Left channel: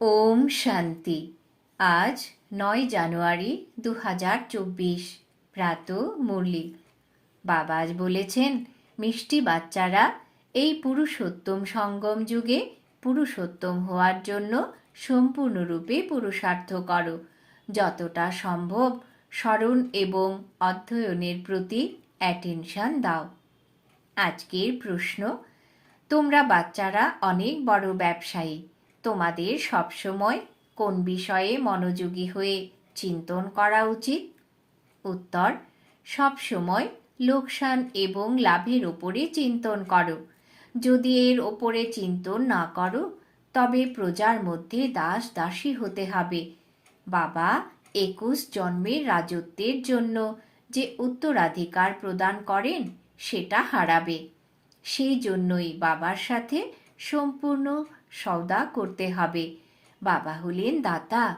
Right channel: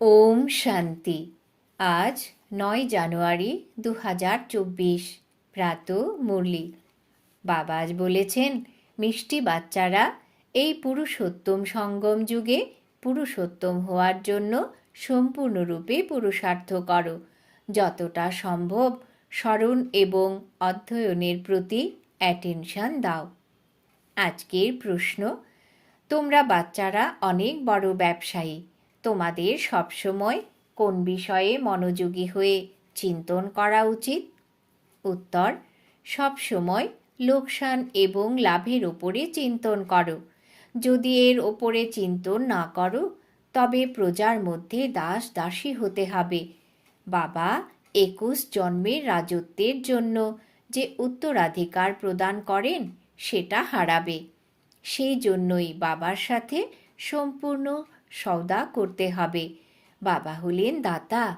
ওম শান্তি। আজ নয় জানুয়ারি দু হাজার চব্বিশ প্রাত মুরলি। বাবা আজ বলেছেন, মিষ্টি বাচ্চারা, এই পুরুষোত্তম সঙ্গম যুগে পুরুষোত্তম হওয়ার জন্য সম্পূর্ণরূপে পুরুষার্থ করো। যতটা সম্ভব স্মরণ এবং অধ্যয়নের প্রতি অ্যাটেনশন দাও। আজকের প্রশ্ন, তোমরা বাচ্চারা অনেক বড় ব্যবসায়ী তোমাদের সবসময় কোন বিষয়ে মনোযোগী হয়ে চিন্তন করা উচিত? উত্তর, সবসময় লোকসান এবং লাভের ওপরে চিন্তন করো। যদি এর ওপরে চিন্তন না করো, তবে প্রজার মধ্যে দাস দাসী হতে হবে। বাবা, একুশ জন্মের রাজত্বের জন্য যে উত্তরাধিকার প্রদান করেন, সেটা হারাবে। সেই জন্যই বাবার সাথে সম্পূর্ণ সওদা করতে হবে। বাবা হলেন দাতা।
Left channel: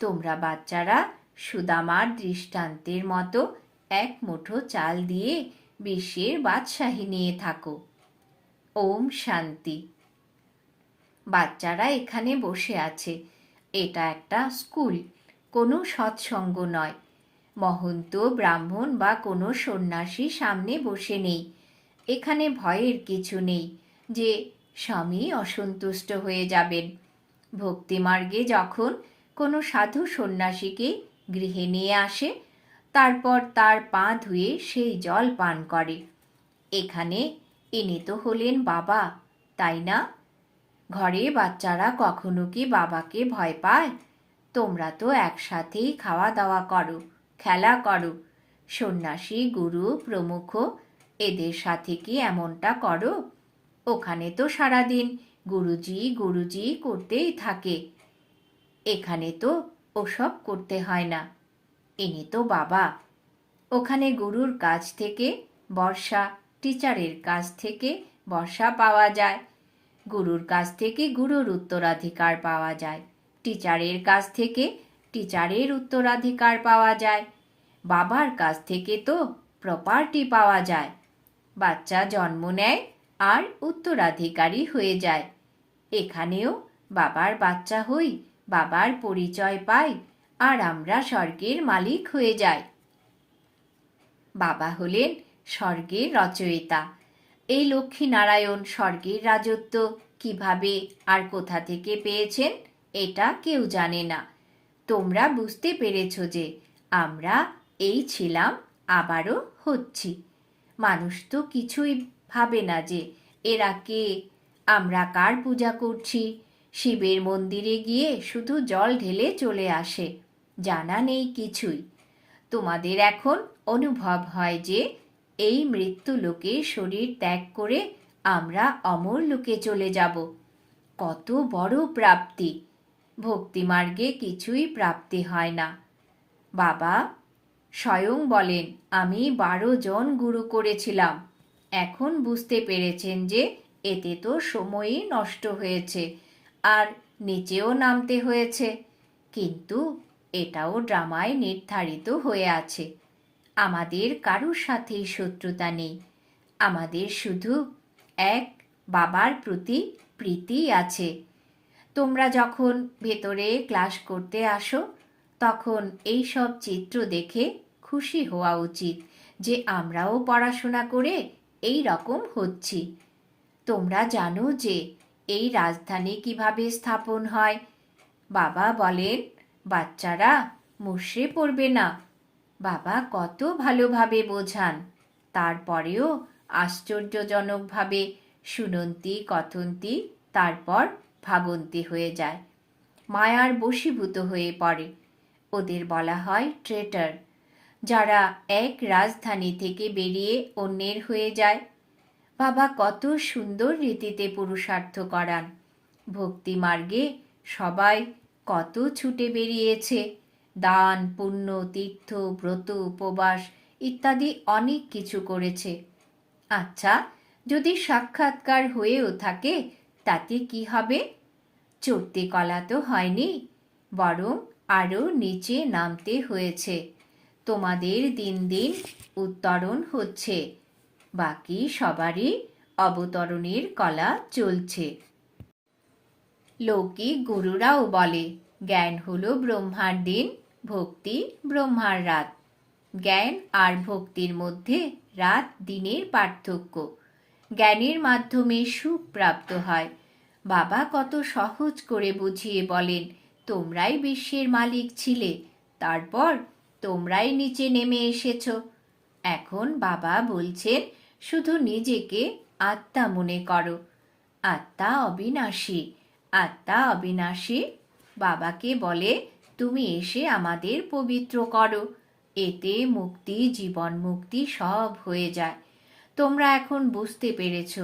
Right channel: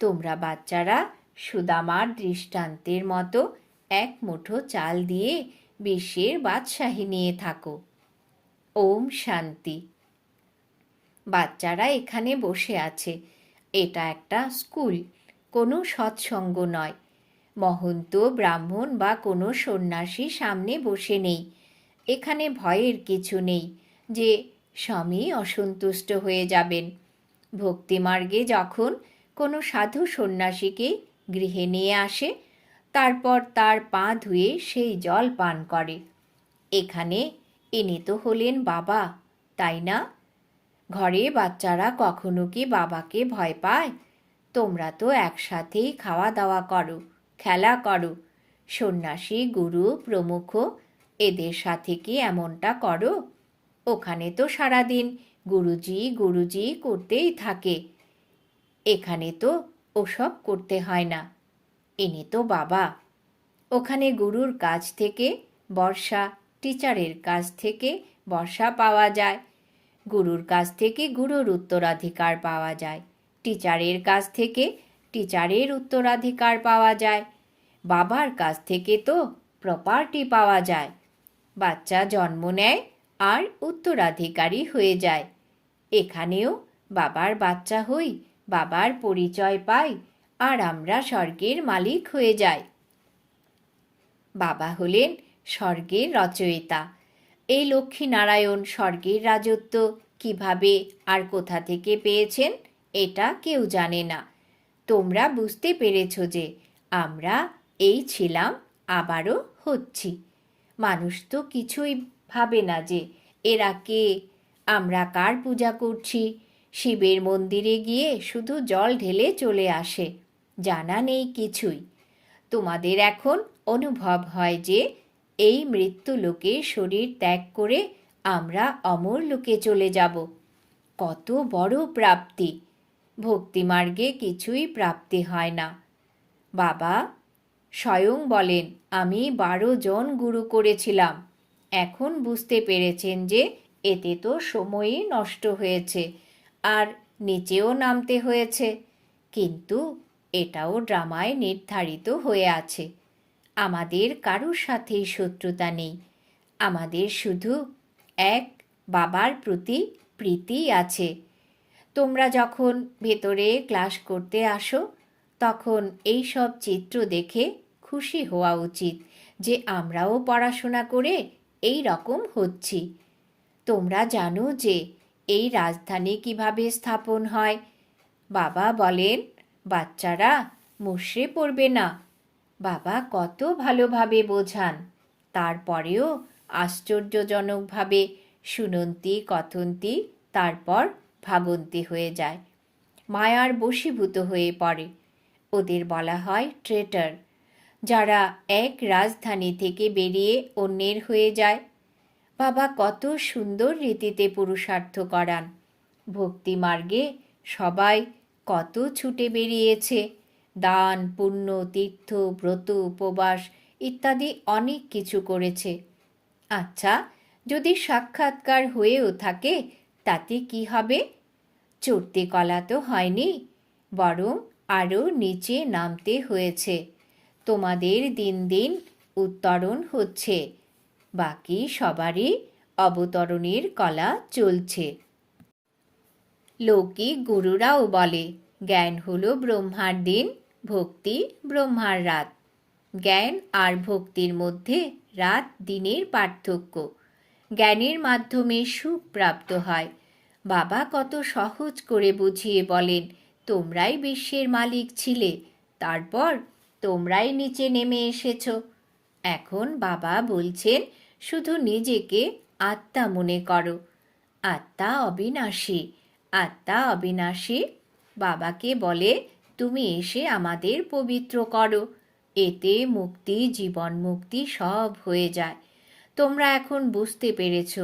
তোমরা বাচ্চারা সুদামার দৃষ্টান্তের মতো এক মুঠো চাল দিয়ে বিশ্বের বাদশাহী নিয়ে থাকো। ওম শান্তি। বাচ্চারা এখানে বসে আছে। এটা একটা স্কুল, কোনো সৎসঙ্গ নয়। মহন্ত ব্রাহ্মণ বা কোনো সন্ন্যাসী সামনে বসে নেই। এখানে ভয়ের কিছু নেই যে স্বামী অসন্তুষ্ট হয়ে যাবেন। ভক্তিমার্গে যখন কোনো সাধু সন্ন্যাসীকে গৃহে নিয়ে আসে, তারপর তার পা ধুয়ে সেই জল পান করে। এখানে এনে তো হলেন বাবা, তাই না? ঘরে বাচ্চারা কখনো কি বাবাকে ভয় পায়? তোমরা তো একসাথেই খাওয়া দাওয়া করো, খেলা করো। সন্ন্যাসী, গুরু, প্রমুখ, এদের সাথে কি এমনটা করো? ওখানে তো সারাদিন। গুরুজি গুরুজি করতেই থাকে। এখানে তো ওসব করতে হয় না। ইনি তো বাবা। ওখানে গুরুর কাছ থেকে বর্ষা, টিচারের কাছ থেকে বর্ষা পাওয়া যায়। গুরুর কাছ থেকে গুরুর উত্তরাধিকার পাওয়া যায়। টিচারের কাছ থেকে টিচারের উত্তরাধিকার পাওয়া যায়। বাবার কাছ থেকে তো প্রপার্টি পাওয়া যায়। বাচ্চা জন্ম নেয় আর উত্তরাধিকারী হয়ে যায়। এখানেও বাবার বাচ্চা হই, বাবার পরিচয় পাই, আর আমরা স্বর্গের মালিক হয়ে যাই। বাবা হলেন স্বর্গের রচয়িতা। এই লক্ষ্মী নারায়ণ স্বর্গের রাজত্ব কীভাবে আর কোথা থেকে পেয়েছেন, এটা কেউ জানে না। তোমরা বুঝতে পেরেছ যে আমরা এই ছিলাম, আবারও হচ্ছি। মানুষ তো কিছুই ভাবে না যে, এরা কে? আমরা কার পূজা করছি? শিবের মন্দিরে গিয়ে শুধু জল ঢেলে চলে আসে, জানা নেই কিছুই। তোমাদের এখন অনুভব হয় যে, এই মৃত্যু লোকে শরীর ত্যাগ করে আমরা অমর লোকে চলে যাব। কত বড় প্রাপ্তি। ভক্তিমার্গে কিছুই প্রাপ্তি হয় না। বাবা স্বয়ং বলেন, আমি বারো জন গুরু করেছিলাম। এখন বুঝতে পেরেছেন যে এতে তো সময়ই নষ্ট হয়েছে আর নিচেও নামতে হয়েছে। কিন্তু এটাও ড্রামায় নির্ধারিত হয়ে আছে। আমাদের কারোর সাথেই শত্রুতা নেই। আমাদের শুধু এক বাবার প্রতি প্রীতি আছে। তোমরা যখন ভেতরে ক্লাস করতে আসো, তখন এই সব চিত্র দেখে খুশি হওয়া উচিত যে আমরাও পড়াশোনা করে এই রকম হচ্ছি। তোমরা জানো যে এই রাজধানী কীভাবে স্থাপন হয়? বাবা বলেন, বাচ্চারা মুশড়ে পড়বে না। বাবা কত ভালোভাবে বোঝান। তারপরেও আশ্চর্যজনকভাবে শুনন্তি কথন্তি, তারপর ভাবন্তি হয়ে যায়। মায়ার বশীভূত হয়ে পড়ে। ওদের বলা হয় ট্রেটার। যারা এক রাজধানী থেকে বেরিয়ে অন্যের হয়ে যায়। বাবা কত সুন্দর রীতিতে পুরুষার্থ করান। ভক্তি মার্গে সবাই কত ছুটে বেরিয়েছে। দান, পুণ্য, তীর্থ, ব্রত, উপবাস ইত্যাদি অনেক কিছু করেছে। আচ্ছা যদি সাক্ষাৎকার হয়েও থাকে, তাতে কি হবে? চড়তে কলা তো হয়নি, বরং আরও নিচে নামতে হয়েছে। তোমাদের দিন দিন উত্তরণ হচ্ছে। বাকি সবারই অবতরণের কলা চলছে। লৌকিক গুরুরাও বলে, জ্ঞান হল ব্রহ্মার দিন, ভক্তি ব্রহ্মার রাত। জ্ঞান আর ভক্তির মধ্যে রাত দিনের পার্থক্য। জ্ঞানের মাধ্যমে সুখ প্রাপ্ত হয়। বাবা কত সহজ করে বুঝিয়ে বলেন, তোমরাই বিশ্বের মালিক ছিলে, তারপর তোমরাই নিচে নেমে এসেছ। এখন বাবা বলছেন, শুধু নিজেকে আত্মা মনে করো। আত্মা অবিনাশী আত্মা অবিনাশী। বাবাকে বলে, তুমি এসে আমাদের পবিত্র করো। এতে মুক্তি, জীবন মুক্তি সব হয়ে যায়। তোমরা এখন বুঝতে পেরেছ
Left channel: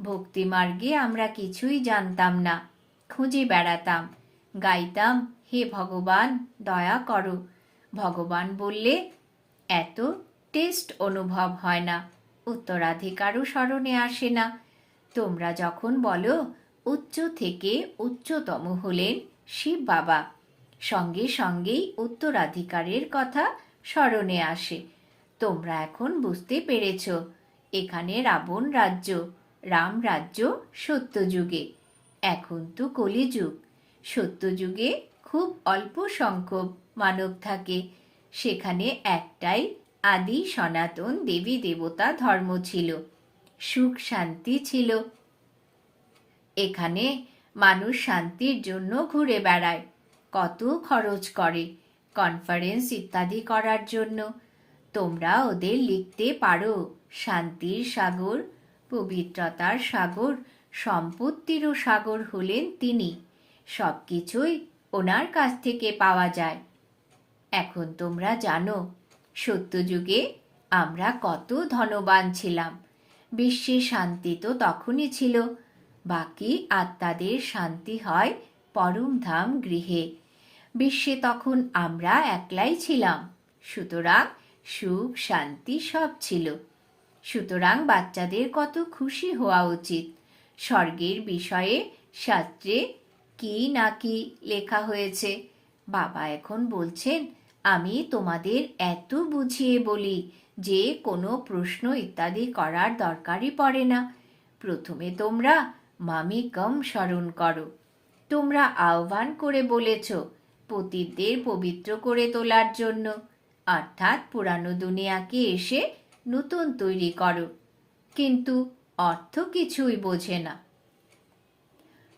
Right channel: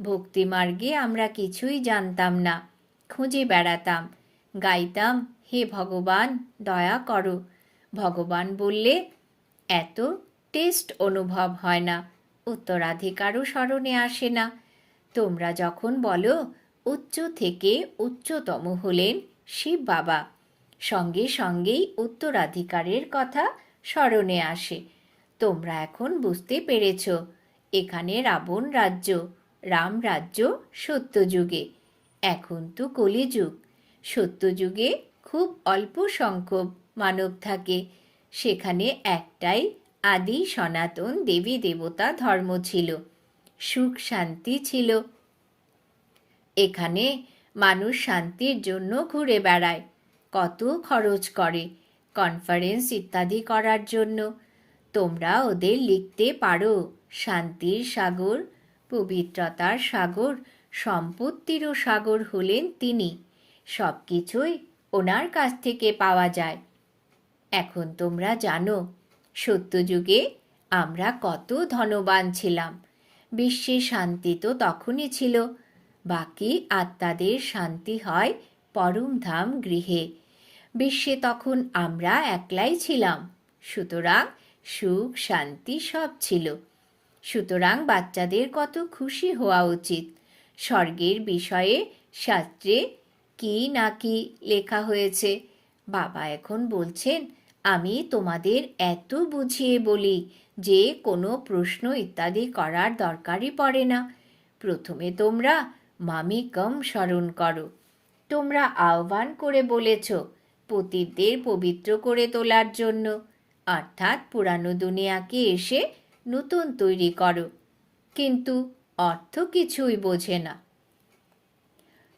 ভক্তিমার্গে আমরা কিছুই জানতাম না। খুঁজে বেড়াতাম। গাইতাম, হে ভগবান, দয়া করো। ভগবান বললে, এত টেস্ট অনুভব হয় না, উত্তরাধিকারও স্মরণে আসে না। তোমরা যখন বলো, উচ্চ থেকে উচ্চতম হলেন শিব বাবা, সঙ্গে সঙ্গেই উত্তরাধিকারের কথা স্মরণে আসে। তোমরা এখন বুঝতে পেরেছ, এখানে রাবণ রাজ্য, রাম রাজ্য সত্যযুগে। এখন তো কলিযুগ, সত্যযুগে খুব অল্প সংখ্যক মানব থাকে। সেখানে একটাই আদি সনাতন দেবী দেবতা ধর্ম ছিল। সুখ শান্তি ছিল। এখানে মানুষ শান্তির জন্য ঘুরে বেড়ায়, কত খরচ করে কনফারেন্স ইত্যাদি করার জন্য। তোমরা ওদের লিখতে পারো, শান্তির সাগর, পবিত্রতার সাগর, সম্পত্তিরও সাগর হলেন তিনি। সব কিছুই ওনার কাছ থেকে পাওয়া যায়। এখন তোমরা জানো, সত্যযুগে আমরা কত ধনবান ছিলাম। বিশ্বে শান্তি তো তখনই ছিল, বাকি আত্মাদের শান্তি হয় পরমধাম গৃহে। বিশ্বে তখন আমরা একলাই ছিলাম, সুতরাং সুখ শান্তি সব ছিল। সুতরাং বাচ্চাদের কত খুশি হওয়া উচিত। স্বর্গের বিষয়ে শাস্ত্রে কি না কি লেখা হয়েছে, বাবা এখন বলছেন আমি তোমাদের এত বুঝিয়ে বলি যে কোনো প্রশ্ন ইত্যাদি করার দরকারই পড়ে না। প্রথমে তোমরা মামি কম স্মরণ করো। তোমরা আহ্বান করে বলেছ পতিতদের পবিত্র করে তোলার জন্য। অর্থাৎ পুরানো দুনিয়াকে এসে নতুন তৈরি করো। কিন্তু অর্থ কিছুই বোঝে না।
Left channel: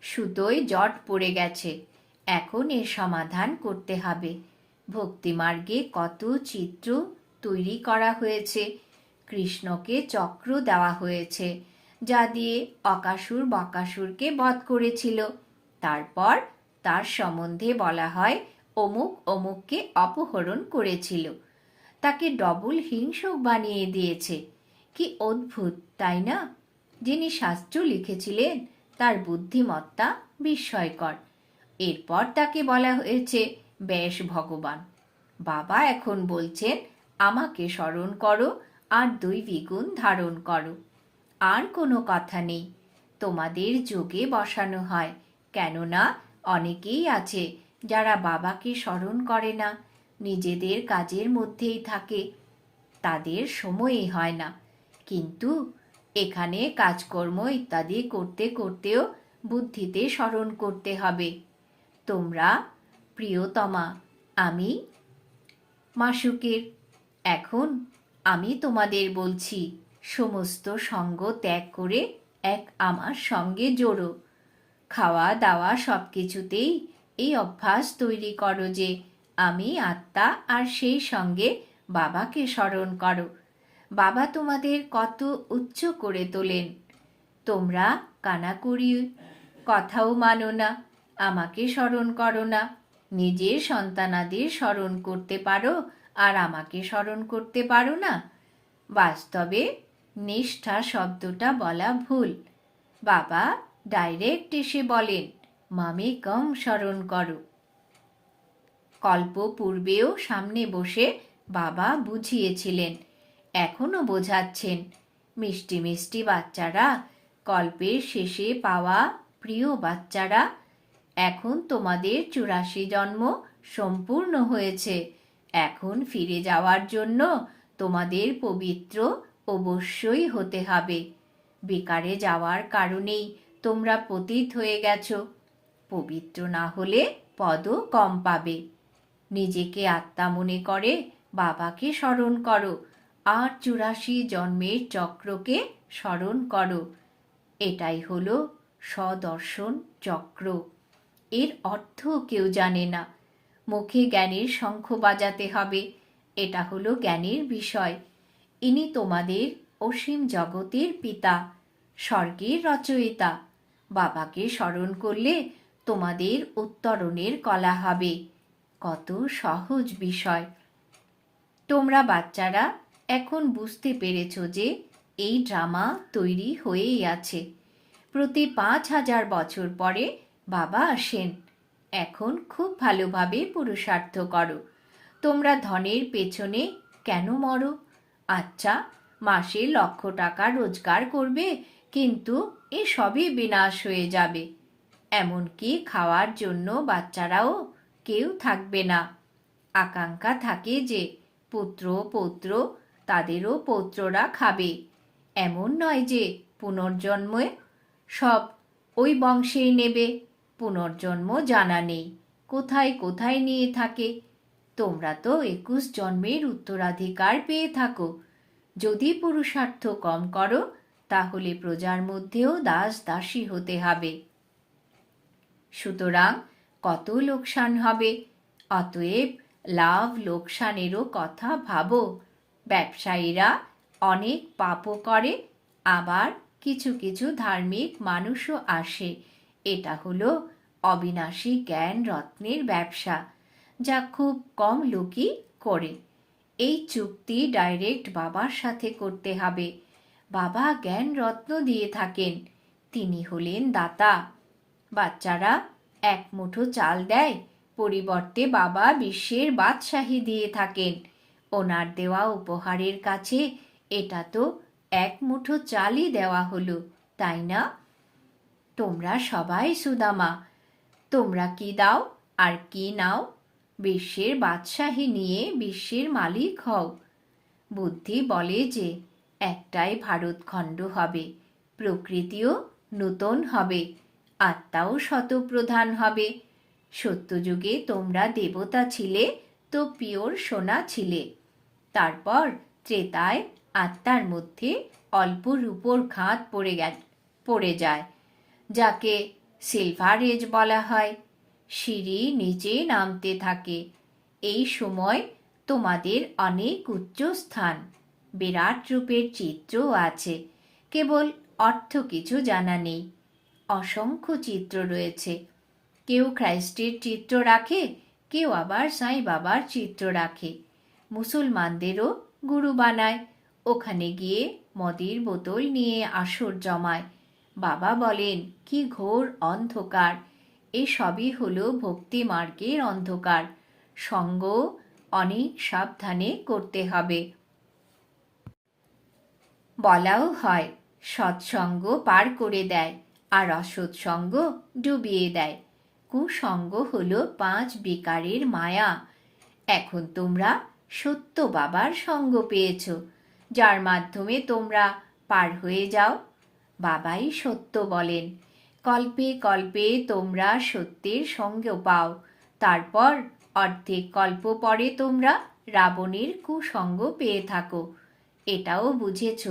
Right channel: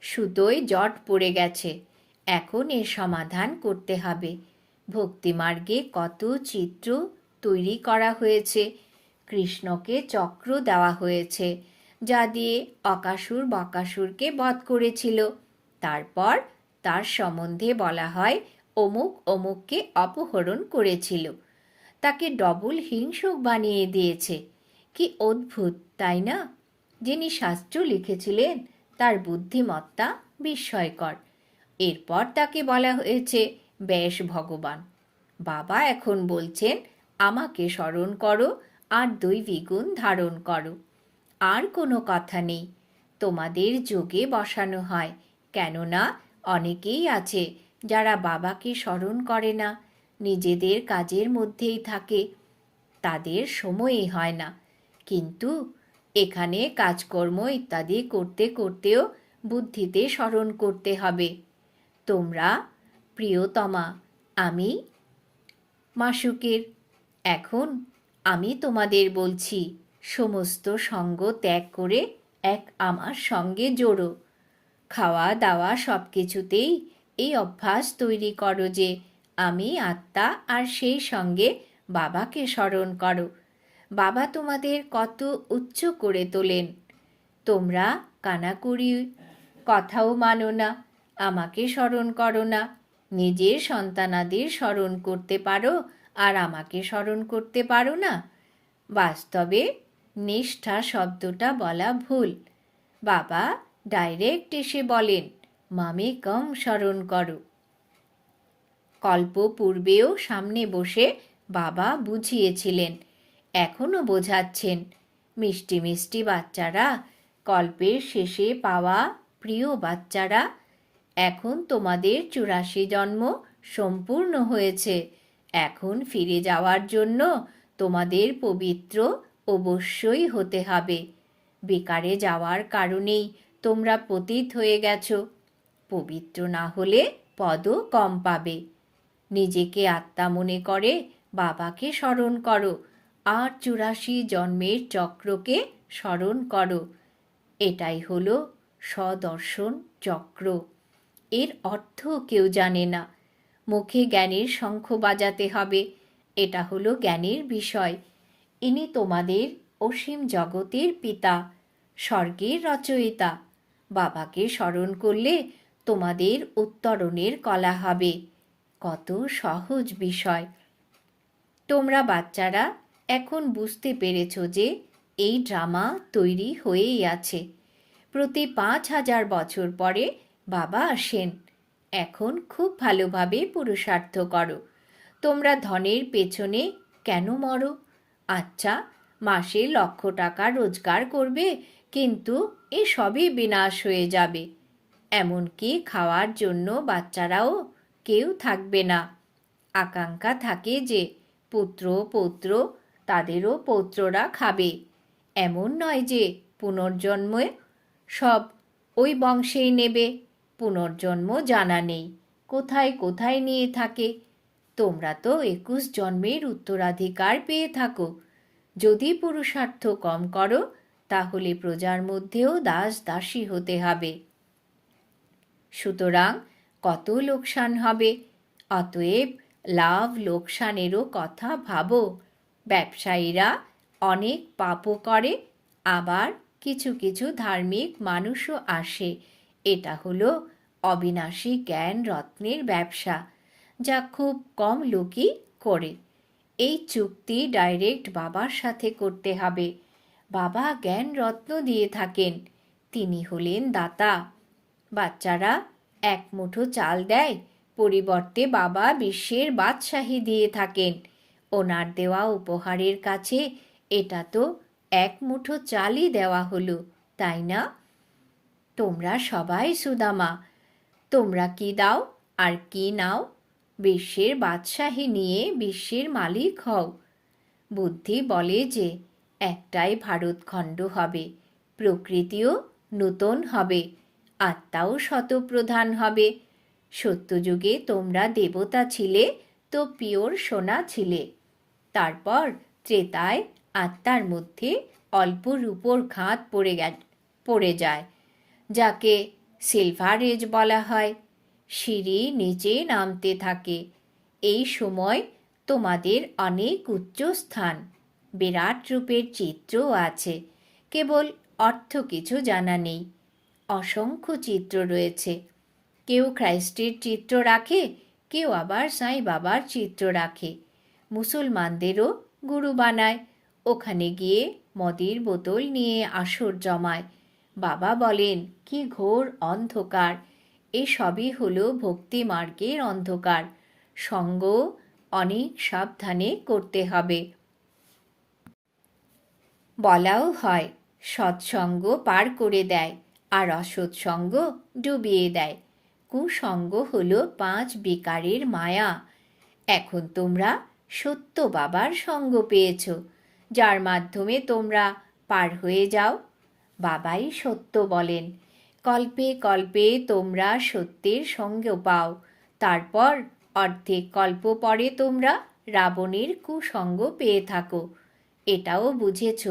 সুতোয় জট পড়ে গেছে। এখন এর সমাধান করতে হবে। ভক্তিমার্গে কত চিত্র তৈরি করা হয়েছে। কৃষ্ণকে চক্র দেওয়া হয়েছে, যা দিয়ে অকাসুর বকাসুরকে বধ করেছিল। তারপর তার সম্বন্ধে বলা হয়, অমুক অমুককে অপহরণ করেছিল। তাকে ডবল হিংসক বানিয়ে দিয়েছে। কি অদ্ভুত, তাই না? যিনি শাস্ত্র লিখেছিলেন, তার বুদ্ধিমত্তা বিস্ময়কর। এরপর তাকে বলা হয়েছে বেশ ভগবান। বাবা এখন বলছেন, আমাকে স্মরণ করো আর দুই দ্বিগুণ ধারণ করো। আর কোনো কথা নেই। তোমাদের যোগে বসানো হয়। কেননা অনেকেই আছে যারা বাবাকে স্মরণ করে না। নিজেদের কাজের মধ্যেই থাকে। তাদের সময়ই হয় না। কিন্তু এখানে কাজকর্ম ইত্যাদি করতে করতেও বুদ্ধিতে স্মরণ করতে হবে। তোমরা প্রিয়তমা, আমি? মাসুকের, এখন আমি তোমাদের বলছি, সমস্ত সঙ্গ ত্যাগ করে এক আমার সঙ্গে জোড়ো। খাওয়া দাওয়া সব কিছুতেই এই অভ্যাস তৈরি করো যে, আমি, আত্মা আর সেই সঙ্গে বাবাকে স্মরণ করো। বাবা তোমাদের কত উচ্চ করে তোলেন। তোমরা কানাকুড়ি কথাও মানো না, আমাকে স্মরণ করো না। নিজের সন্তানাদের স্মরণ করতে পারো আর আমাকে স্মরণ করতে পারো না। বাস্তবে নিষ্ঠা শব্দটা বলা ভুল। বাবা ডাইরেক্ট এসে বলেন মামে কম স্মরণ করো। কল্প পূর্বেও সামনে বসে বাবা বুঝিয়েছিলেন এখনও বোঝাচ্ছেন, মিষ্টি মিষ্টি বাচ্চারা, কল্পের শেষে পাওয়া প্রিয় বাচ্চারা এখন তোমাদের চুরাশি জন্ম সম্পূর্ণ হয়েছে। এখন ফিরে যাওয়ার জন্য তোমাদের পবিত্র অবশ্যই হতে হবে। বেকারে যাওয়ার কারণেই তোমরা পতিত হয়ে গেছো। পবিত্র না হলে পদও কম পাবে। নিজেকে আত্মা মনে করে বাবাকে স্মরণ করো আর চুরাশি জন্মের চক্রকে স্মরণ করো। এটাই হলো সদর্শন চক্র। এর অর্থ কেউ জানে না। মুখে জ্ঞানের শঙ্খ বাজাতে হবে, এটা হলো জ্ঞানের বিষয়। ইনি তোমাদের অসীম জগতের পিতা, স্বর্গের রচয়িতা। বাবাকে স্মরণ করলে তোমাদের উত্তরণের কলা হবে। কত সহজ বিষয়। তোমরা বাচ্চারা, এখন বুঝতে পেরেছ যে এই ড্রামা তৈরি হয়েই আছে। প্রতি পাঁচ হাজার বছর পরে বাবা আসেন। এখন খুব ভালোভাবে পুরুষার্থ করো। তোমরা ধনের পেছনে কেন মরো? আচ্ছা মাসে লক্ষ টাকা রোজগার করবে, কিন্তু এ সবই বিনাশ হয়ে যাবে। এমনকি খাওয়ার জন্য বাচ্চারাও কেউ থাকবে না। আকাঙ্ক্ষা থাকে যে, পুত্র পৌত্র তাদেরও পৌত্ররা খাবে। এমন নয় যে, পুনর্জন্মে সব ওই বংশেই নেবে। পুনর্জন্ম জানা নেই। কোথায় কোথায় নিয়ে থাকে? তোমরা তো একুশ জন্মের উত্তরাধিকার পেয়ে থাকো। যদি পুরুষার্থ কম করো, তাহলে প্রজার মধ্যেও দাস দাসী হতে হবে। সুতরাং কত লোকসান হবে? অতএব লাভ লোকসানেরও কথা ভাবো। ব্যবসায়ীরা অনেক পাপও করে, আবার কিছু কিছু ধার্মিক মানুষও আসে। এটা হলো অবিনাশী জ্ঞান রত্নের ব্যবসা, যা খুব কম লোকই করে। এই চুক্তি ডাইরেক্ট বাবার সাথে করতে হবে। বাবা জ্ঞান রত্ন দিয়ে থাকেন। তিনি হলেন দাতা। বাচ্চারা এক মুঠো চাল দেয়, পরিবর্তে বাবা বিশ্বের বাদশাহী দিয়ে থাকেন। ওনার দেওয়া উপহারের কাছে এটা তো এক মুঠো চালই দেওয়া হলো, তাই না? তোমরা সবাই সুদামা। তোমরা কি দাও আর কি নাও? বিশ্বের বাদশাহী নিয়ে বিশ্বের মালিক হও। বুদ্ধি বলে যে, একটাই ভারতখণ্ড হবে, প্রকৃতিও নূতন হবে, আত্মাও শতপ্রধান হবে। সত্যযুগে তোমরা দেবতা ছিলে, তো পিওর সোনা ছিলে। তারপর ত্রেতায় আত্মার মধ্যে অল্প রূপোর খাত পড়ে পড়ে যায়। যাকে সিলভার এজ বলা হয়। সিঁড়ি নিচে নামতে থাকে। এই সময় তোমাদের অনেক উচ্চ স্থান। বিরাট রূপের চিত্রও আছে। কেবল অর্থ কিছু জানা নেই। অসংখ্য চিত্র রয়েছে। কেউ খ্রাইস্টের চিত্র রাখে, কেউ আবার সাই বাবার চিত্র রাখে। মুসলমানদেরও গুরু বানায়। ওখানে গিয়ে মদের বোতল নিয়ে আসর জমায়। বাবা বলেন, কি ঘোর অন্ধকার। এসবই হলো ভক্তি মার্গের অন্ধকার। সঙ্গ অনেক সাবধানে করতে হবে। বলাও হয়, সৎসঙ্গ পার করে দেয় আর অসৎসঙ্গ ডুবিয়ে দেয়। কুসঙ্গ হলো পাঁচ বিকারের মায়া। এখন তোমরা সত্য বাবার সঙ্গ পেয়েছ। যার মাধ্যমে তোমরা পার হয়ে যাও। বাবাই সত্য বলেন, কল্পে কল্পে তোমরা সত্যের সঙ্গ পাও। তারপর অর্ধেক কল্প পরে তোমরা রাবণের কুসঙ্গ পেয়ে থাকো। এটাও বুঝেছ,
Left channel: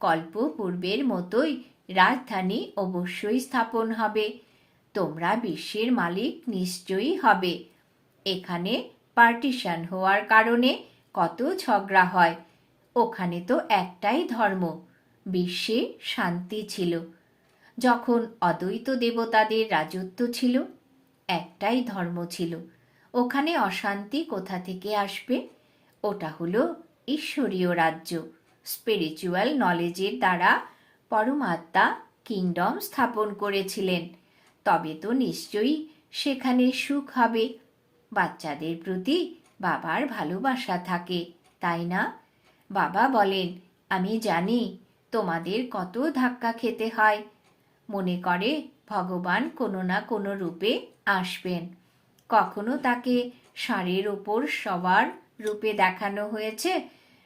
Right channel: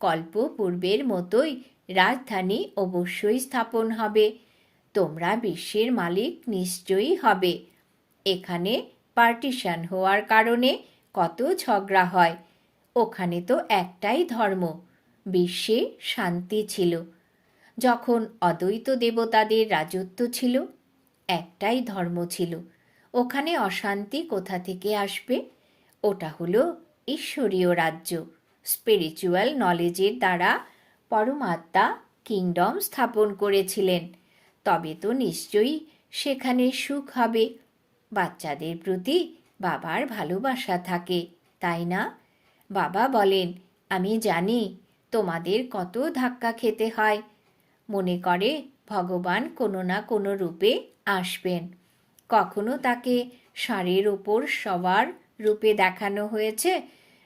কল্প পূর্বের মতোই রাজধানী অবশ্যই স্থাপন হবে। তোমরা বিশ্বের মালিক নিশ্চয়ই হবে। এখানে পার্টিশন হওয়ার কারণে কত ঝগড়া হয়। ওখানে তো একটাই ধর্ম বিশ্বে শান্তি ছিল। যখন অদ্বৈত দেবতাদের রাজত্ব ছিল, একটাই ধর্ম ছিল, ওখানে অশান্তি কোথা থেকে আসবে? ওটা হলো ঈশ্বরীয় রাজ্য স্পিরিচুয়াল নলেজের দ্বারা পরমাত্মা কিংডম স্থাপন করেছিলেন। তবে তো নিশ্চয়ই সেখানে সুখ হবে। বাচ্চাদের প্রতি বাবার ভালোবাসা থাকে, তাই না? বাবা বলেন, আমি জানি তোমাদের কত ধাক্কা খেতে হয়। মনে করে ভগবান কোনো না কোনো রূপে আসবেন। কখনো তাকে ষাঁড়ের ওপর সবার রূপে দেখানো হয়েছে?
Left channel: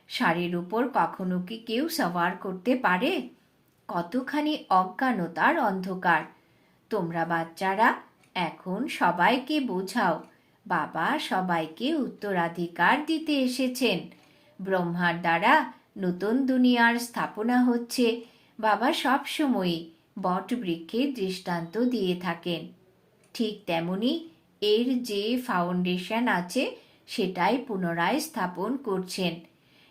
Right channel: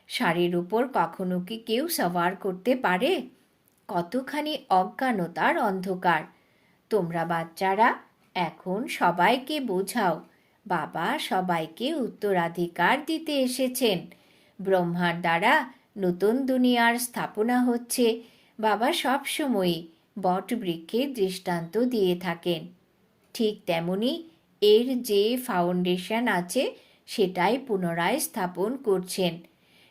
ষাঁড়ের উপর কখনো কি কেউ সওয়ার করতে পারে? কতখানি অজ্ঞানতার অন্ধকার। তোমরা বাচ্চারা, এখন সবাইকে বোঝাও, বাবা সবাইকে উত্তরাধিকার দিতে এসেছেন। ব্রহ্মার দ্বারা নতুন দুনিয়ার স্থাপনা হচ্ছে বাবা সবসময়ই বট বৃক্ষের দৃষ্টান্ত দিয়ে থাকেন। ঠিক তেমনি এর যে ফাউন্ডেশন আছে সেটাই পুনরায় স্থাপন করছেন।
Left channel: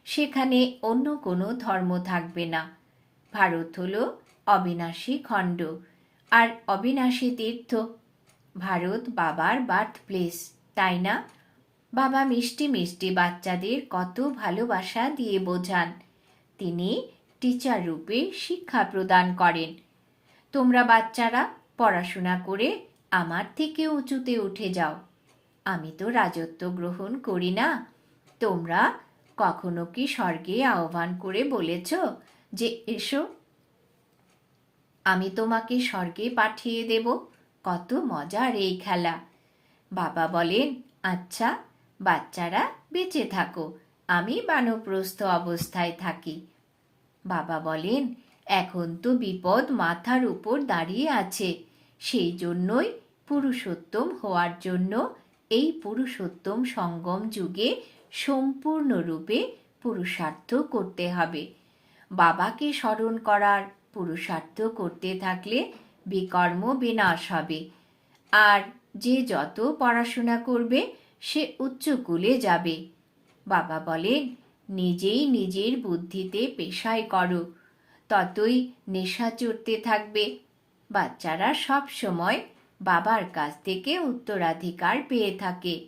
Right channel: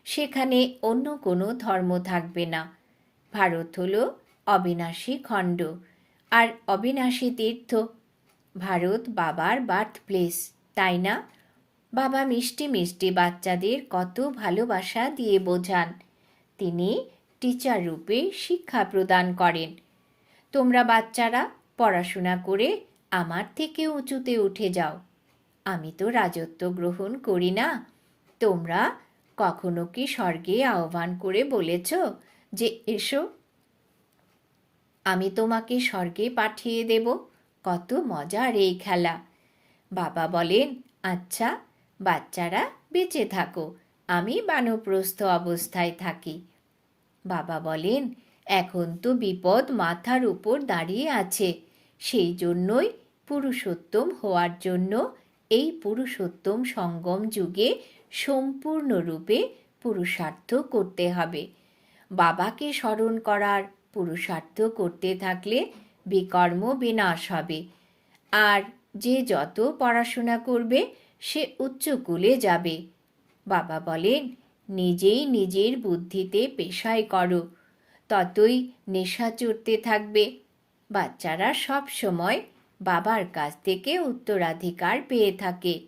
সেখানে অন্য কোনো ধর্ম থাকবে না। ভারত হল অবিনাশী খণ্ড। আর অবিনাশী তীর্থ ভারত বাবার বার্থ প্লেস তাই না? বাবা মিষ্টি মিষ্টি বাচ্চাদের কত ভালোবাসা দিয়ে বোঝান। তিনি টিচার রূপে শিক্ষা প্রদান করেন। তোমরা বাচ্চারা, পড়াশোনা করে আমার থেকে উঁচুতে উঠে যাও। আমি তো রাজত্ব গ্রহণ করি না। তোমরা কখনো কি স্বর্গে আহ্বান করে বলেছ যে, এসো, আমি তোমাকে স্বর্গে পাঠিয়ে দেব। কত মজার এই খেলা। বাবা বলেন আচ্ছা বাচ্চারা বেঁচে থাকো। আমি বানপ্রস্থ অবস্থায় থাকি। বাবা বলেন, এখন তো বিপদ মাথার উপর দাঁড়িয়ে আছে। সেই জন্যই পুরুষোত্তম হওয়ার জন্য এই পুরুষোত্তম সঙ্গম যুগে সম্পূর্ণরূপে পুরুষার্থ করতে হবে। বাবাকে স্মরণ করার পুরুষার্থ করতে থাকলে বিকর্ম বিনাশ হবে। আর যে যত পড়াশোনা করবে সে উচ্চ কুলে যাবে। বাবা বলেন, নিজেই নিজের বুদ্ধিতে পেশায় করো, ততই নেশা চড়তে থাকবে। বাচ্চারা সব সময় বাবার কাছ থেকে উত্তরাধিকার পেয়ে থাকে,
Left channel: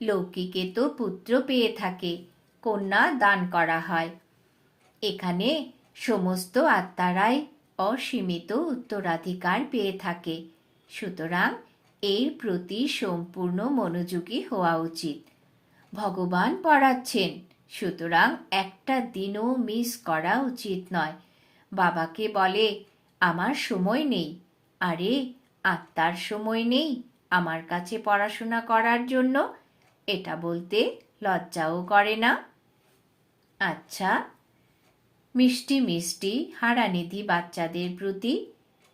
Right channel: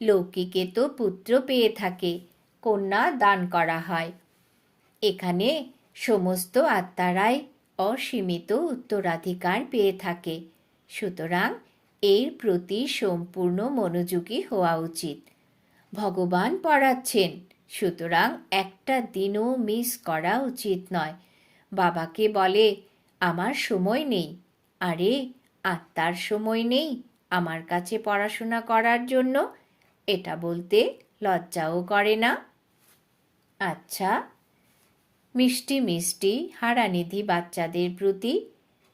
লৌকিকে তো পুত্র পেয়ে থাকে, কন্যা দান করা হয়। এখানে সমস্ত আত্মারাই অসীমিত উত্তরাধিকার পেয়ে থাকে, সুতরাং এর প্রতি সম্পূর্ণ মনোযোগী হওয়া উচিত। ভগবান পড়াচ্ছেন, সুতরাং একটা দিনও মিস করা উচিত নয়। বাবাকে বলে, আমার সময় নেই। আরে, আত্মার সময় নেই আমার কাছে পড়াশোনা করার জন্য? এটা বলতে লজ্জাও করে না? আচ্ছা। মিষ্টি মিষ্টি হারানিধি বাচ্চাদের প্রতি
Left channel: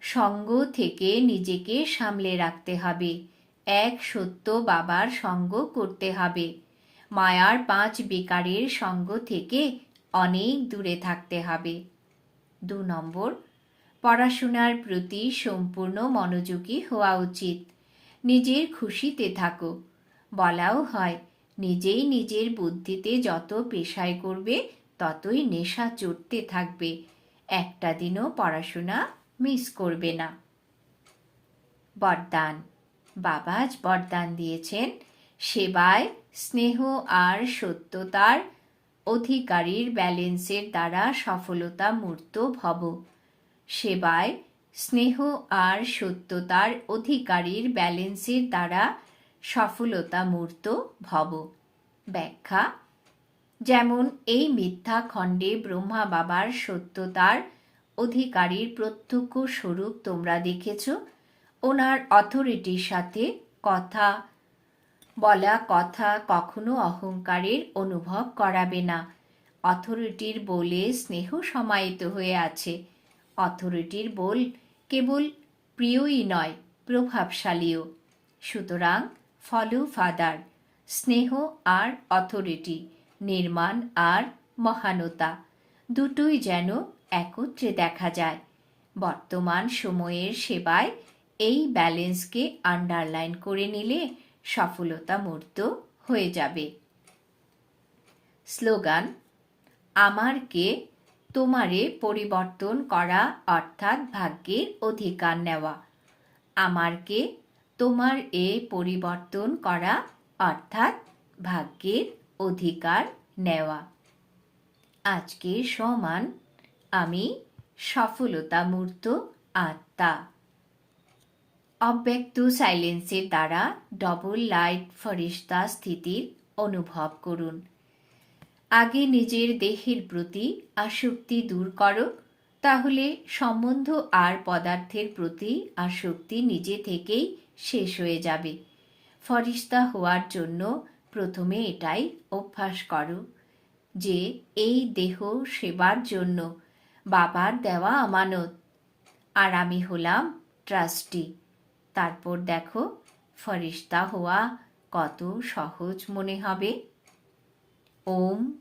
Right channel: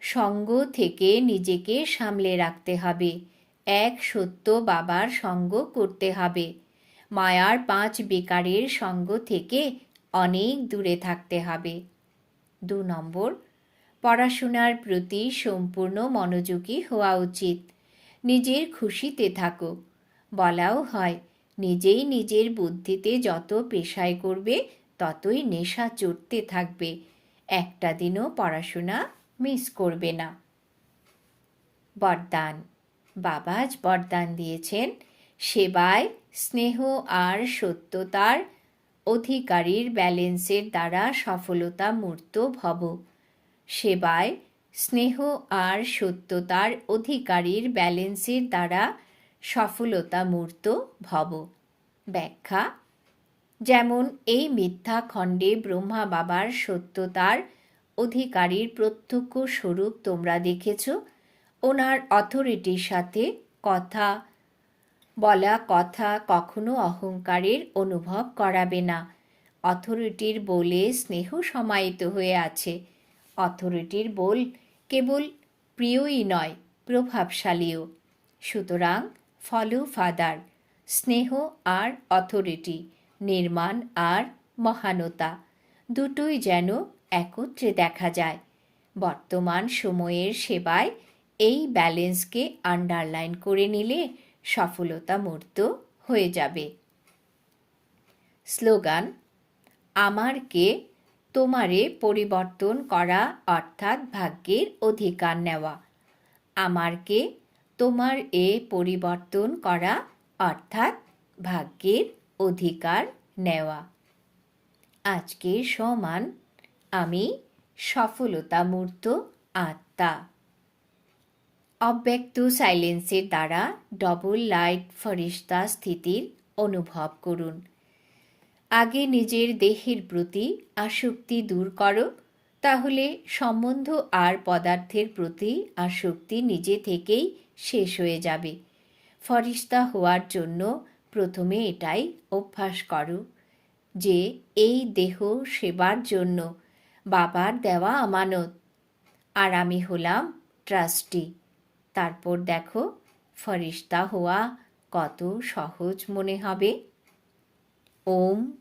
সঙ্গ থেকে নিজেকে সামলে রাখতে হবে। এক সত্য বাবার সঙ্গ করতে হবে। মায়ার পাঁচ বেকারের সঙ্গ থেকে অনেক দূরে থাকতে হবে। দু নম্বর, পড়াশোনার প্রতি সম্পূর্ণ মনোযোগী হওয়া উচিত। নিজের খুশিতে থাকো। বলাও হয়, নিজেই নিজের বুদ্ধিতে যত পেশায় করবে, ততই নেশা চড়তে থাকবে। একটা দিনও পড়াশোনা মিস করবে না। বরদান। বাবা আজ বরদান দিয়েছেন। সেবায় স্নেহ আর সত্যতার অধিকারীর ব্যালেন্সের দ্বারা সফলতা মূর্ত ভব। সেবায় স্নেহ আর সত্যতার অধিকারীর ব্যালেন্সের দ্বারা সফলতা মূর্ত ভব। ব্যাখ্যা। যেমন এই মিথ্যা খণ্ডে ব্রহ্মা বাবার সত্যতার অধিকারীর প্রত্যক্ষ স্বরূপ তোমরা দেখেছ। ওনার অথরিটির সাথে কথা বলা কথা কখনো অহংকারের অনুভব করাবে না। অথরিটির বলে স্নেহ সমাহিত হয়ে আছে। অথরিটির বল কেবল প্রিয়ই নয়, প্রভাবশালীও। সুতরাং ফলো ফাদার স্নেহ আর অথরিটি নির্মাণ আর মহানতা। দুটোই যেন একত্রে দেখা যায়। বর্তমান সময়ের সেবায় এই ব্যালেন্সকে আন্ডারলাইন করে নিলে সফলতা মূর্ত হয়ে যাবে। স্লোগান, আমারকে তোমারে পরিবর্তন করা অর্থাৎ ভাগ্যের অধিকার নেওয়া। আমারকে তোমার এ পরিবর্তন করা অর্থাৎ ভাগ্যের অধিকার নেওয়া। আজকের সমান আমি সফলতা মূর্ত আত্মা। অব্যক্ত সাইলেন্সের দ্বারা ডবল লাইট ফরিস্তা স্থিতির অনুভব করুন। আগে নিজের দেহের প্রতি আসক্তি দূর করো, তাহলে সম্বন্ধ আর পদার্থের প্রতি আসক্তি নিজে থেকেই শেষ হয়ে যাবে। ফরিস্তা হওয়ার জন্য প্রথমে এটাই অভ্যাস করো। যে এই দেহ সেবার জন্য বাবার দেওয়া আমানত। আর আমি হলাম ট্রাস্টি। তারপর দেখো, ফরিস্তা হওয়া কত সহজ মনে হবে। ওম